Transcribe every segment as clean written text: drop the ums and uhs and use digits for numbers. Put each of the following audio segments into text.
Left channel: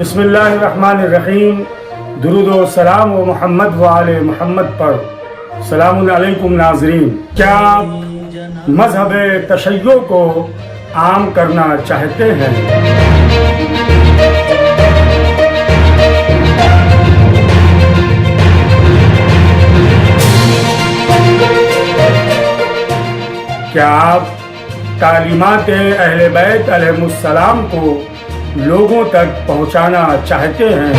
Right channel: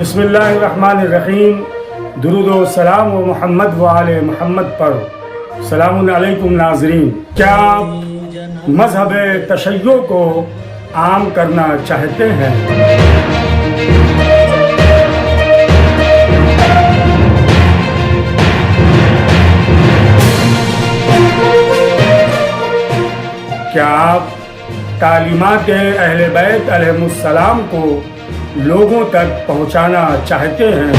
بسم اللہ الرحمن الرحیم. درود و سلام و محمد و آل محمد پر. السلام علیکم ناظرین. کیا آپ مذہب تشیع کو عام کرنا چاہتے ہیں؟ کیا آپ تعلیمات اہل بیت علیہ السلام کو لوگوں تک پہنچانا چاہتے ہیں؟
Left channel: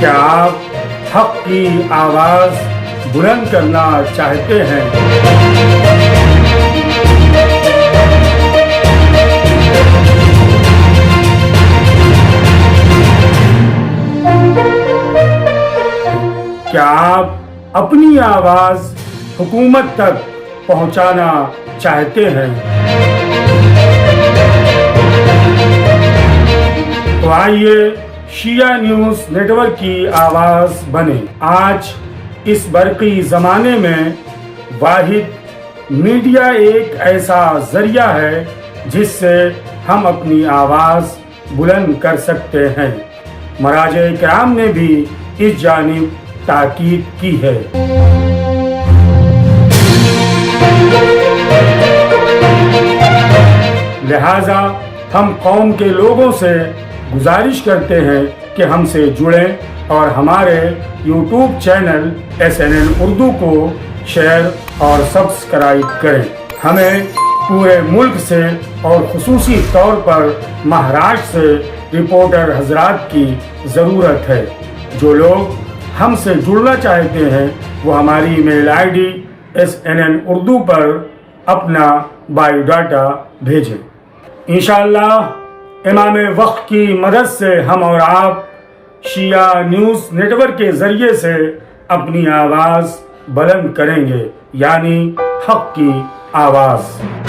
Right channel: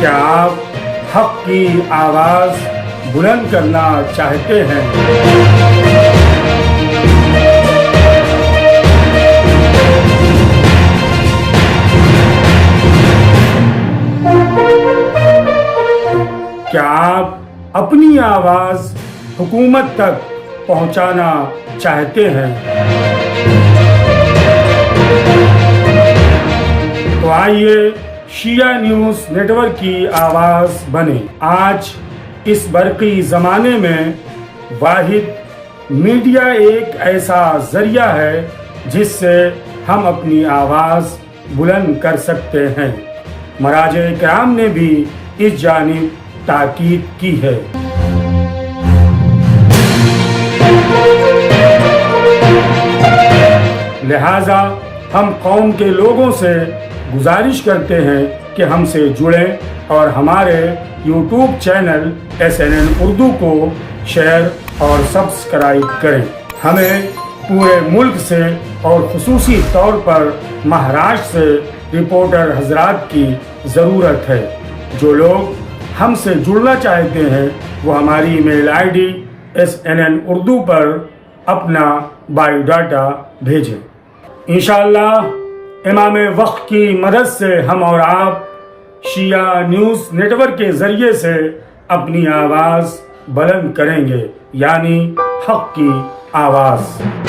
کیا آپ حق کی آواز بلند کرنا چاہتے ہیں؟ کیا آپ اپنی آواز حکومت تک پہنچانا چاہتے ہیں؟ تو آئیے شیعہ نیوز نیٹ ورک کی آواز بنے. آج اس برقی زمانے میں واحد میڈیا ایک ایسا ذریعہ ہے جس سے ہم اپنی آواز بلند کر سکتے ہیں. مراجع کرام نے بھی اس جانب تاکید کی ہے. لہذا ہم قوم کے لوگوں سے گزارش کرتے ہیں کہ ہم سے جڑیں اور ہمارے یوٹیوب چینل SNN اردو کو شیئر اور سبسکرائب کریں. ہمیں پورے ملک سے اور خصوصی طور پر مہاراشٹر سے رپورٹر حضرات کی ضرورت ہے. جو لوگ ہم سے جڑنا چاہتے ہیں وہ ہماری ای میل ID SNN اردو پر اپنا بایو ڈاٹا بھیجیں. انشاءاللہ امام وقت کی مدد سے ہم اور آپ شیعہ نیوز نیٹ ورک کے ذریعے سے اپنی آواز بلند کریں گے، یعنی حق کی آواز.